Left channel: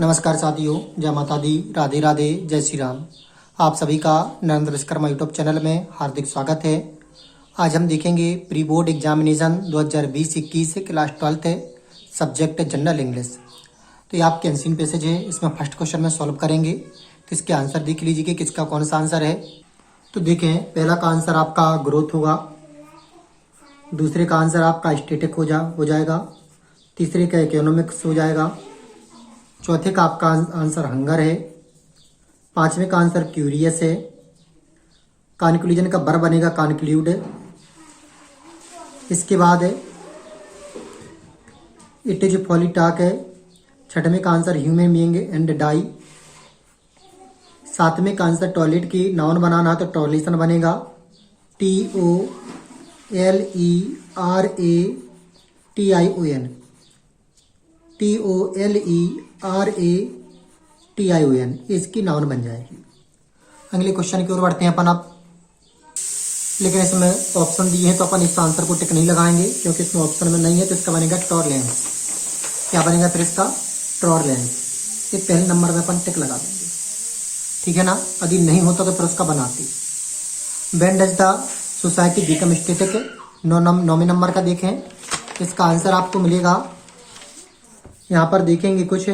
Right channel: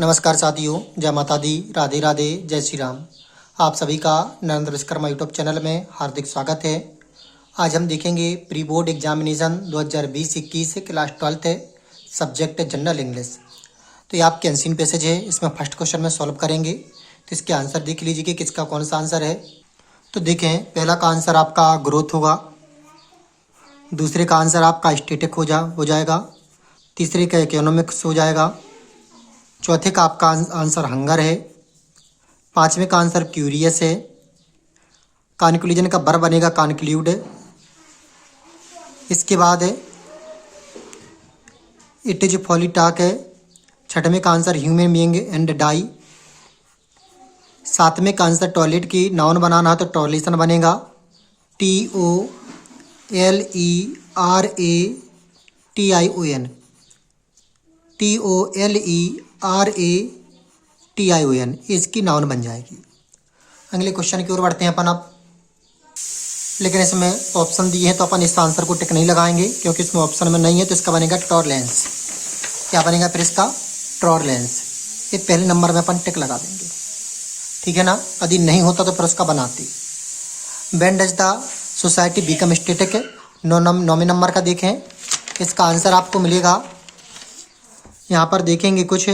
नमस्कार साथियों, जय माता दी, राधे राधे, जय श्री राम। आप सभी का नरेंद्र विश्वकर्मा यूट्यूब चैनल में हार्दिक स्वागत है। आज हम देखेंगे pre board examination 2020-21 class 12th है, सब्जेक्ट जनरल इंग्लिश। तो ये आपके अनसीन पैसेज है, इसमें फर्स्ट क्वेश्चन में सॉल्व करेंगे। तो इसके आंसर देख लीजिए कि किसका कौन सा आंसर है। तो देखें, पहला का आंसर आपका ग्रोथ होगा, दूसरे का आंसर आपका स्टैटिक हो जाएगा, तीसरे का इकोनॉमिक्स हो जाएगा, चौथे का आपका आंसर हंगर है, पांचवें का आंसर क्यूरियस है, कॉन्क्लूजन का वर्ब बनेगा कॉन्क्लूड। इसके बाद है इट इज फॉली टॉक है, छठवें का answer human being and die, सातवें का आंसर टॉयलेट की नाउन बनाना है तो टॉयलेशन बनेगा TOLERATION, इसकी नाउन बन जाएगी। अगले क्वेश्चन की ओर बढ़ते हैं अपन अब। लेकिन इसमें ऑप्शन दिए हैं तो अपन इस आंसर को टिक नहीं लगाएंगे, क्योंकि इसमें ऑप्शन में नहीं है। तो इसका बनेगा टॉरलेंस। क्या बनेगा फिर इसका? टॉरलेंस। ये पहले नंबर में अपन टिक लगा देंगे, ठीक है ना। यदि नहीं होता तो फिर उसका बनाते। When does the society become static है, 9वें नंबर का देखें। इसका आंसर आपको मिलेगा, यहाँ पर देखेंगे कुछ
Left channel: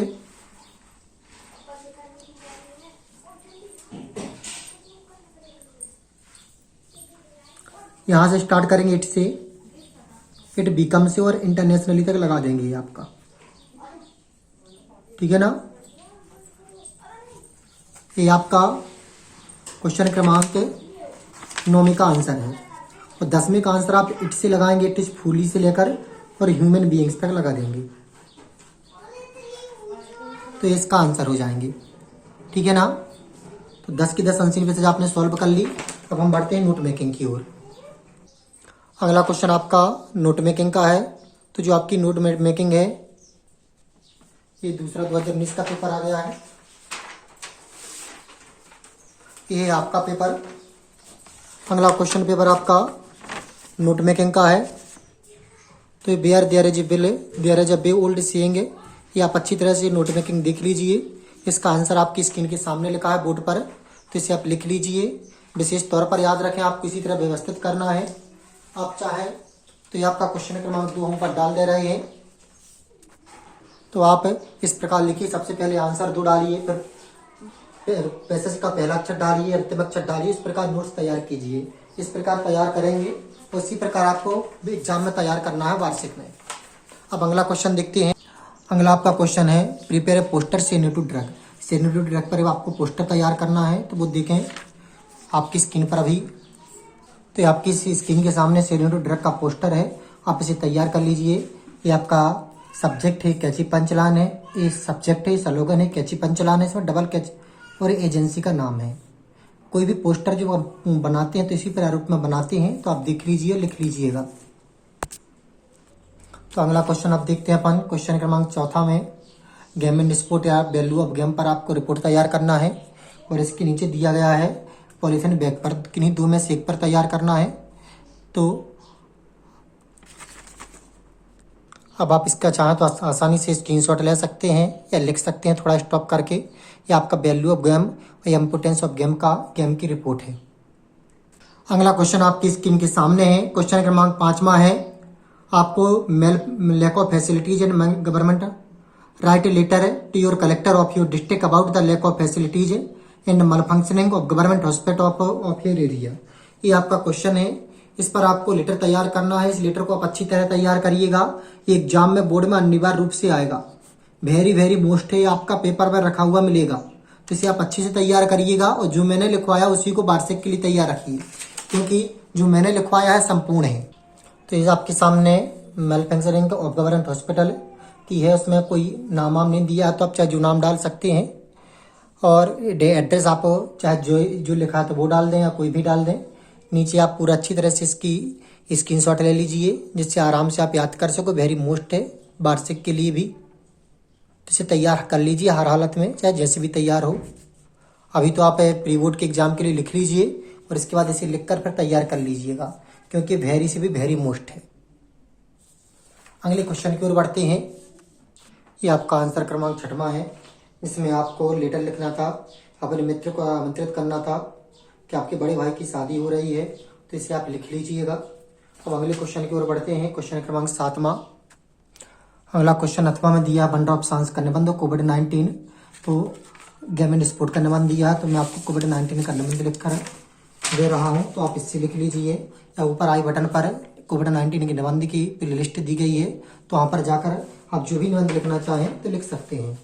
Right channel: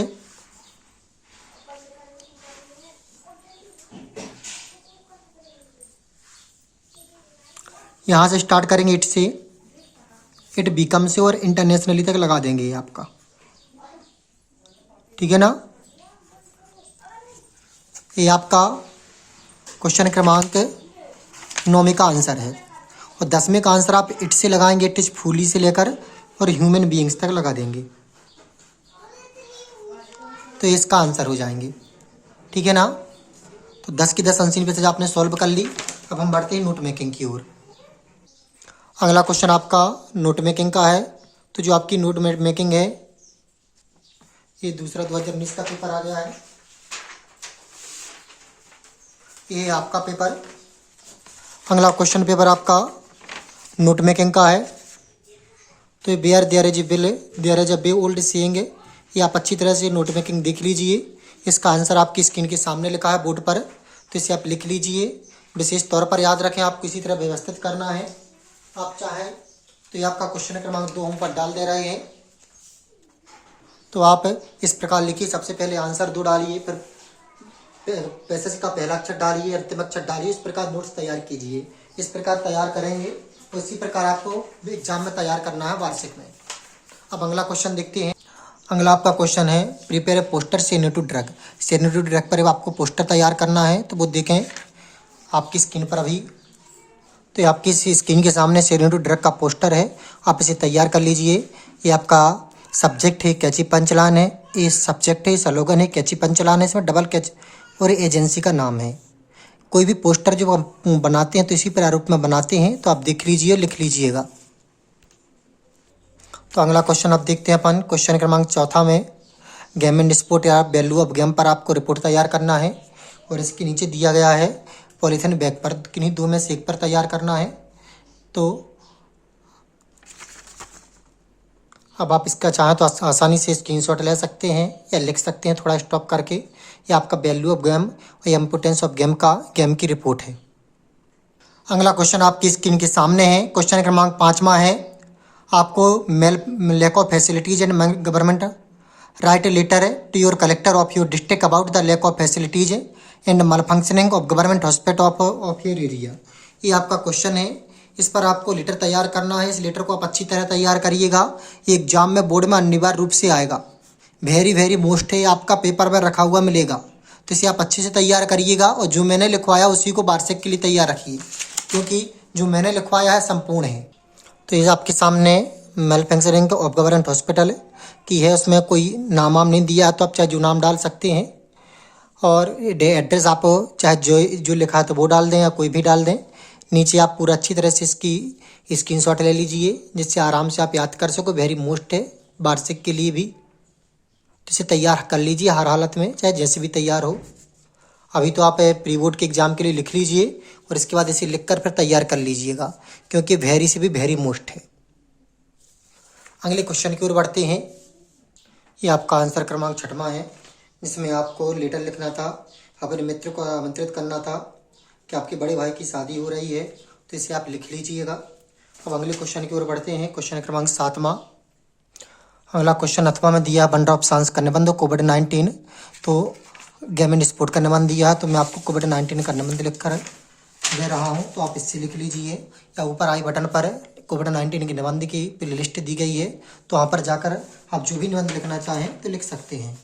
यहाँ से स्टार्ट करेंगे, इट से, इट बिकम से, और इंटरनेशनली तक लगा देंगे ये आपका, ठीक है ना। ये आपका क्वेश्चन क्रमांक 9 का आंसर है। और 10वें का आंसर आप इट से लगाएंगे, इट इज फुली से लेकर और ह्यूमन बीइंग्स तक लगा देंगे, तो इसका आंसर हो जाएंगे, ठीक है ना। तो 10 की 10 आंसर पैसेज आपने सॉल्व कर ली। अब हम बढ़ते हैं नोट मेकिंग की ओर। अगला क्वेश्चन आपका नोट मेकिंग का है। तो जो आपकी नोट मेकिंग है, ये दूसरा 2019 का पेपर आ गया है। ये आपका पेपर, अगला क्वेश्चन पेपर आपका नोट मेकिंग का है। तो bear there is bill, there is a bay old saying, ये आप अच्छी तरह से नोट मेकिंग देख लीजिए। इसका आंसर आपकी स्क्रीन के सामने लिखा है बोर्ड पर, तो इसे आप लिख लीजिए। विशेष तौर पर याद रखें, आप किसी तरह व्यवस्थित करना है। आप चाहे तो ये आपका क्वेश्चन क्रमांक 2 हम पर डाल दे रहे हैं। तो आप इस प्रकार लिखिए, सबसे पहले आंसर 2 डालिए, फिर पैसेज का पहला अक्षर डालिए, अंतिम अक्षर डालिए। इस प्रकार नोट्स तैयार कीजिए। इस प्रकार तैयार करेंगे, उसी प्रकार आपको एग्जाम में तैयार करना है, वार्षिक में। अब अगला क्वेश्चन देखते हैं। अगला आपका क्वेश्चन है prepare a poster say no to drug. Say no to drug पर आपको पोस्टर तैयार करना है। तो वो देखें आपकी स्क्रीन पर अभी, तो आपकी स्क्रीन के सामने सेनेटू ड्रग का पोस्टर है। आप इसे तैयार कर लीजिए। ये आपका सब्जेक्ट है, कैची पंचलान है। ये सब्जेक्ट है, स्लोगन है, कैची पंचलान है, इसमें डबल कैच, और एजेंसी का नाम है। कोई भी पोस्टर जो बनाते हैं तो इसी प्रारूप में बनाते हैं, तो आप देख लीजिए, लिख लीजिएगा। तो अगला क्वेश्चन अब देखते हैं अपन। क्वेश्चन क्रमांक 4 में गेम एंड स्पोर्ट या वैल्यू ऑफ गेम पर आपको रिपोर्ट तैयार करना है। और इसके नीचे दिया गया है पॉलीथीन बैग पर, किन्हीं 2 में से एक पर तैयार करना है। तो अब आप इसका चाहें तो आसानी से स्क्रीनशॉट ले सकते हैं या लिख सकते हैं थोड़ा स्टॉप करके। ये आपका वैल्यू ऑफ गेम और इम्पोर्टेंस ऑफ गेम की रिपोर्ट है। अगला क्वेश्चन आपकी स्क्रीन के सामने है। क्वेश्चन क्रमांक 5वां है। आपको lack of facilities and government, write letter to your collector of your district about the lack of facilities and malfunctioning of government hospital of your area. ये आपका क्वेश्चन है। इस पर आपको लेटर तैयार करना है। इस लेटर को आप अच्छी तरह तैयार करिएगा। ये एग्जाम में बोर्ड में अनिवार्य रूप से आएगा। वेरी मोस्ट है, आपका पेपर में रखा हुआ मिलेगा। तो इसे आप अच्छे से तैयार करिएगा। और जो मैंने लिखवाया उसी को वार्षिक के लिए तैयार रखिए, क्योंकि जो मैंने लिखवाया है संपूर्ण है। तो ये आपके सामने मैन्युफैक्चरिंग ऑफ गवर्नमेंट हॉस्पिटल की है। उसमें कोई नाम नहीं दिया है, तो आप चाहे जो नाम डाल सकते हैं। और एड्रेस आप चाहे जो लिखा है तो वो डाल दें या कोई भी डाल दें। नीचे आप पूरा अच्छी तरह से इसकी स्क्रीनशॉट ले लीजिए, जिससे आराम से आप याद कर सको। वेरी मोस्ट है वार्षिक के लिए भी। इसे तैयार कर लीजिए हर हालत में, चाहे जैसे भी तैयार हो। अभी तो आप प्री बोर्ड के एग्जाम के लिए लिख लीजिए, और इसके बाद इसे लिखकर फिर तैयार कर लीजिएगा, क्योंकि वेरी से भी वेरी मोस्ट है। अगले क्वेश्चन की ओर बढ़ते हैं। ये आपका आंसर क्रमांक 6वां है, जिसमें आपको लेटर लिखना था, अपने मित्र को आमंत्रित करना था कि आपके बड़े भाई की शादी हो रही है, तो इसे आप लिख लीजिएगा। अब अगले क्वेश्चन की ओर बढ़ते हैं। क्वेश्चन क्रमांक 7वां। अगला क्वेश्चन 8वां में दिया है बंडर ऑफ साइंस का निबंध कोविड-19। तो गेम एंड स्पोर्ट का निबंध दिया है, तो मैं आपको कोविड-19 का निबंध लिखकर दे रहा हूँ, तो आप इससे लिख लीजिए। या ऊपर आई बटन पर कोविड-19 के निबंध की प्लेलिस्ट दी गई है, तो वहाँ पर जाकर आप जो भी निबंध लिखना चाहें तो लिख सकते हैं।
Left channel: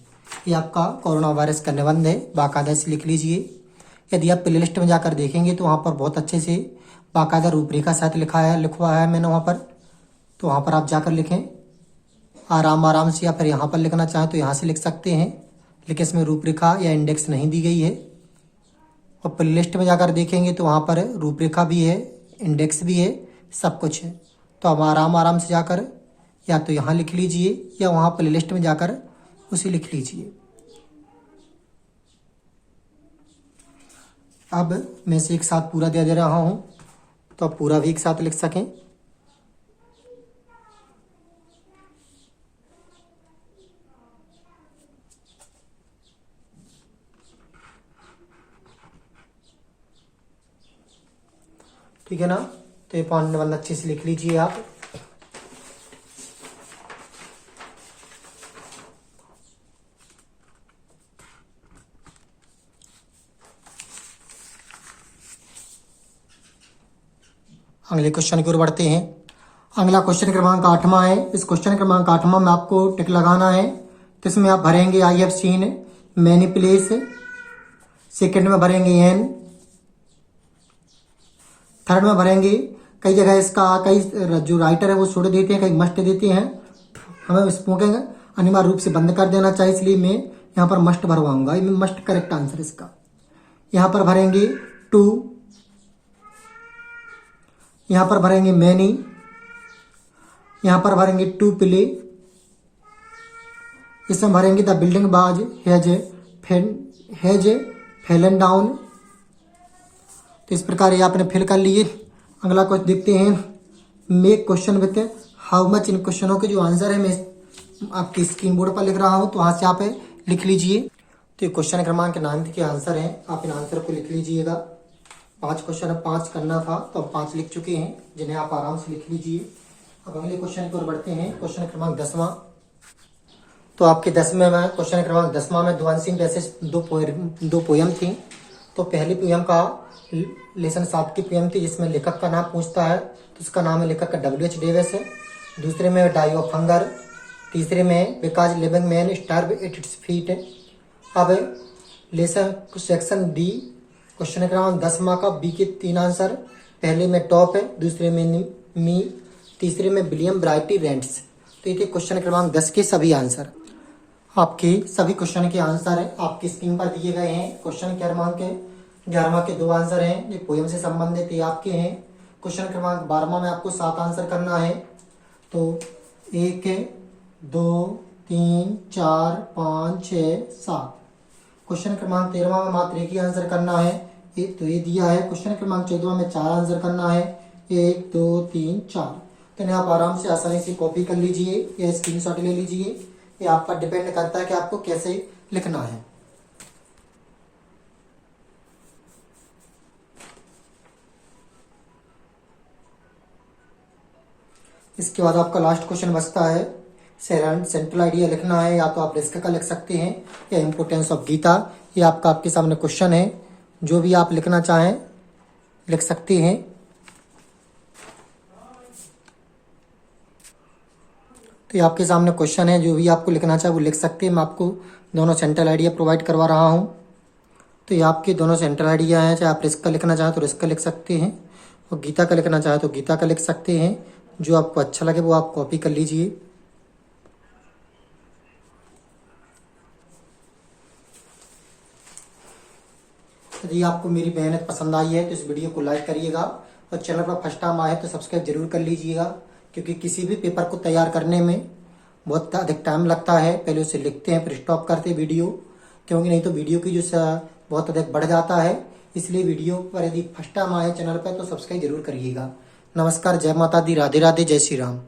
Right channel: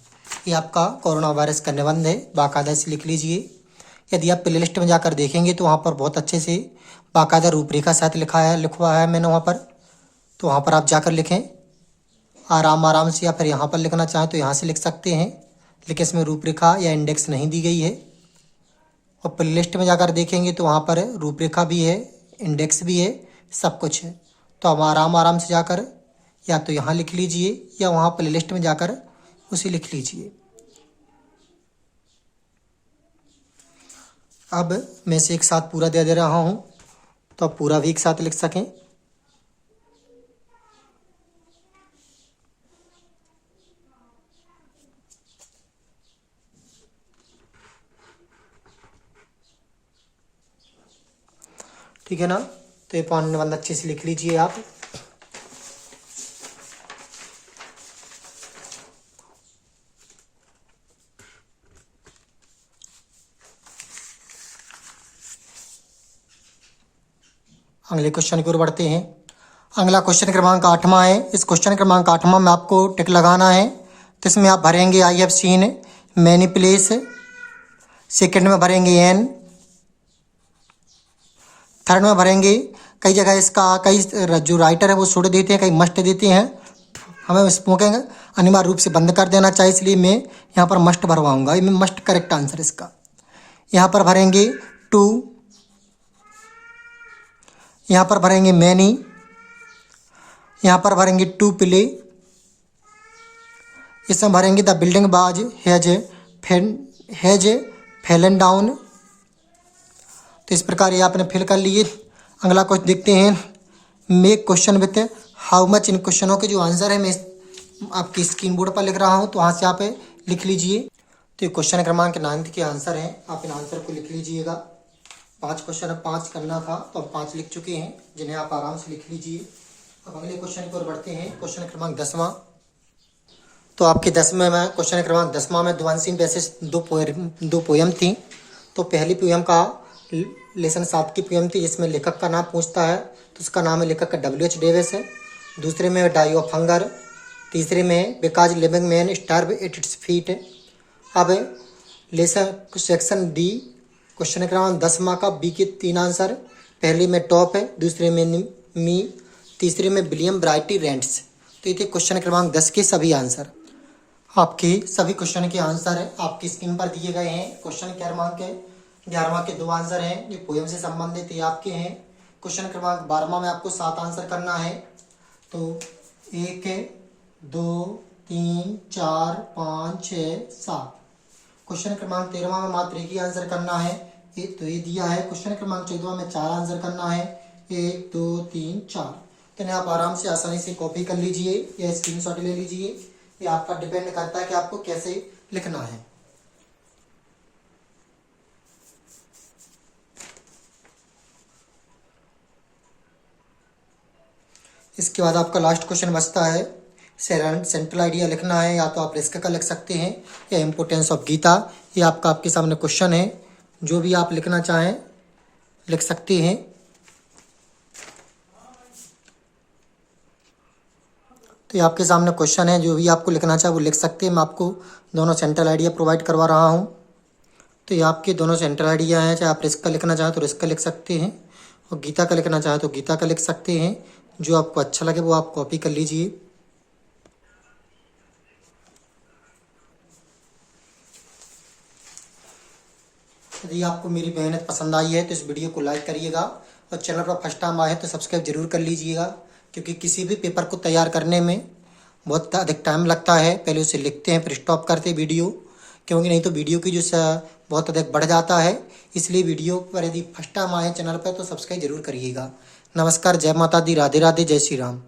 ये आपका कोरोना वायरस का निबंध है, बाकायदा से लिख लीजिए। यदि आप प्लेलिस्ट में जाकर देखेंगे तो वहाँ पर बहुत अच्छे से बाकायदा रूपरेखा साथ लिखवा है मैंने वहाँ पर, तो वहाँ पर आप जाकर लिखें आराम से। या फिर यहाँ पर लिखना चाहें तो यहाँ से लिख सकते हैं, लेकिन इसमें रूपरेखा या इंडेक्स नहीं दी गई है। और प्लेलिस्ट में जाकर देखेंगे तो वहाँ पर रूपरेखा भी है, इंडेक्स भी है, सब कुछ है। तो आप आराम से जाकर या तो यहाँ लिख लीजिए या वहाँ प्लेलिस्ट में जाकर उसे लिख लीजिए। अब मैं से एक साथ पूरा दे रहा हूँ, तो आप पूरा भी एक साथ लिख सकें। ठीक है ना। तो ये पॉइंट निबंध अच्छे से लिख लीजिए आप। अगले क्वेश्चन की ओर बढ़ते हैं। अगला क्वेश्चन क्रमांक 8वां है। इस क्वेश्चन क्रमांक 8वां में आपको टिक लगाना है, तो इसमें आप भरेंगे I have seen many place, second में भरेंगे एन, थर्ड में भरेंगे कई जगह इसका कई जो राइटर है वो छोड़ देते हैं, कई मस्ट देते हैं, हमें स्मोकिंग अनिवार्य रूप से बंद कर देना चाहिए, इसलिए मैं यहाँ पर मस्ट भरवाऊंगा। ये मस्ट करेक्ट आंसर इसका। यहाँ पर भरेंगे टू, यहाँ पर भरेंगे मैनी, यहाँ पर भरेंगे टू प्ले, इसमें भरेंगे द बिल्डिंग बाज हैज फैलन डाउन। तो इस प्रकार ये आपने फिल कर लिए। अगला क्वेश्चन देखते हैं, make question with how much. इन क्वेश्चनों के जो आंसर है मैं आपकी स्क्रीन बोर्ड पर लिख रहा हूँ, तो वहाँ से आप लिख लीजिए। तो ये क्वेश्चन क्रमांक 9 के आंसर हैं, आप इन आंसर को लिख लीजिएगा। 5 क्वेश्चन अब 5 करना था, तो अब 5 लिख चुके हैं, जिन्हें आप आराम से लिख लीजिए। अब अगले क्वेश्चन की ओर बढ़ते हैं। क्वेश्चन क्रमांक 10वां। तो आपके 10वें में क्वेश्चन क्रमांक 10वां में ध्वंसिंग वैसे दो पोयम थी। तो पहली पोयम का लेसन 7 की पोयम थी, जिसमें लेखक का नाम पूछता है, तो उसका नाम है लेखक का W.H. डेविस है। दूसरे में डाई ऑफ हंगर, तीसरे में because living man starve at its feet. अब लेसन सेक्शन डी क्वेश्चन क्रमांक 10वां का बी के 3 आंसर। पहले में टॉप है, दूसरे में मी, तीसरे में विलियम ब्राइटी रेंट्स। तो ये थे क्वेश्चन क्रमांक 10 के सभी आंसर। आपके सभी क्वेश्चन के आंसर आपकी स्क्रीन पर दिए गए हैं। क्वेश्चन क्रमांक 11वां के 2 आंसर हैं, ये पोयम से संबंधित ये आपके हैं। क्वेश्चन क्रमांक 12वां में आपको 7 आंसर करना है। तो 1 2 3 4 5 6 7। क्वेश्चन क्रमांक 13वां में मात्र एक ही आंसर करना है, तो ये दिया है। क्वेश्चन क्रमांक 14वां में 4 आंसर करना है, 1 2 3 4। तो इन्हें आप आराम से आसानी से कॉपी कर लीजिए या स्क्रीनशॉट ले लीजिए। ये आपका डिपेंड करता है कि आपको कैसे लिखना है। इसके बाद आपका लास्ट क्वेश्चन बचता है, सेंट्रल आइडिया लिखना है। या तो आप रिस्क का लिख सकते हैं या इम्पोर्टेंस ऑफ गीता। ये आपके सामने क्वेश्चन है, जो भी आप लिखना चाहें लिख सकते हैं। तो ये आपके सामने क्वेश्चन है, जो भी आपको लिखना चाहे वो लिख सकते हैं। मैं आपको दोनों सेंट्रल आइडिया प्रोवाइड करवा रहा हूँ। तो ये आपके दोनों सेंट्रल आइडिया हैं, चाहे आप रिस्क का लिखना चाहें तो रिस्क का लिख सकते हैं, और गीता का लिखना चाहें तो गीता का लिख सकते हैं। जो आपको अच्छा लगे वो आप कॉपी कर लीजिए। यदि आपको मेरी मेहनत पसंद आई है तो इस वीडियो को लाइक करिएगा, और चैनल पर फर्स्ट टाइम आए तो सब्सक्राइब जरूर कर लीजिएगा, क्योंकि किसी भी पेपर को तैयार करने में बहुत अधिक टाइम लगता है। पहले उसे लिखते हैं, फिर स्टॉप करते हैं वीडियो, क्योंकि नहीं तो वीडियो की जो बहुत अधिक बढ़ जाता है। इसलिए वीडियो पर यदि फर्स्ट टाइम आए चैनल पर तो सब्सक्राइब जरूर करिएगा। नमस्कार, जय माता दी, राधे राधे, जय श्री राम।